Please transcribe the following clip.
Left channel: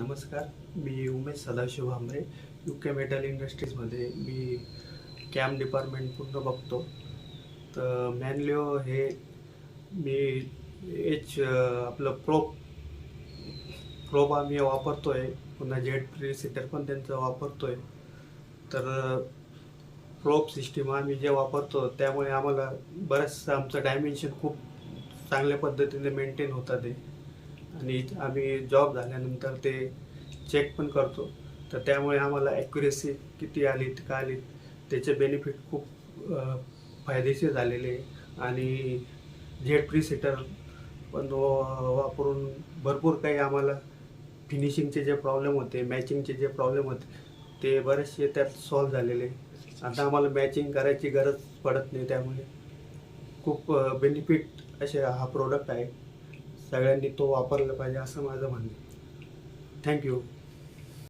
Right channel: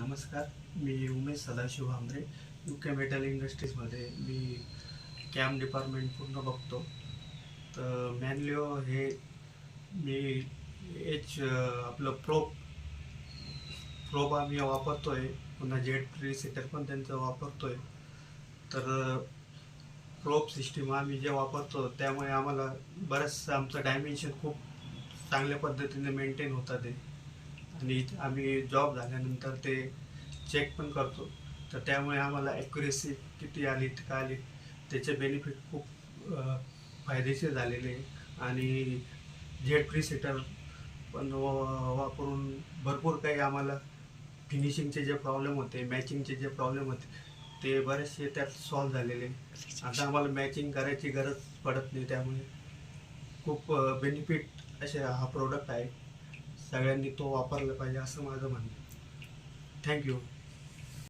नमस्कार. मी Umesh Sadashiv Bhambare. UK metal इंडस्ट्रीजमध्ये मी cam department पूर्ण बघतो. तर मॅनलिओ हे मी आपलं प्रोब आम्ही वापरतो आहे. पुन्हा जेट रिसेटर पण त्यांचा वापरतो आहे. तर प्रोब सिस्टीम आम्ही जे वापरतो त्यामुळे आम्हाला बरंचसं आमचं डायमेन्शन खूप चांगल्या पद्धतीने मेंटेन होतात आहे. आणि आम्ही जॉब झाल्यानंतर ते चेक पण करतो. तर त्यामुळे आम्हाला ॲक्युरेसी किती आली का आली त्याचे बेनिफिट खूप फायदेशीर झालेले. आणि जेट रिसेटर पण वापरून भरपूर काही आम्हाला फिनिशिंगचे जे प्रॉब्लेम होते, मॅचिंगचे जे प्रॉब्लेम होते ते बरेचसे त्यात सॉल्व झालेले. आता आम्हाला मॅचिंग करायची गरज पडत नाही. त्यामुळे खूप बेनिफिट असे हा प्रोडक्ट आहे. सगळ्यांनी तो वापरला पाहिजे असं माझं म्हणणं. थँक्यू.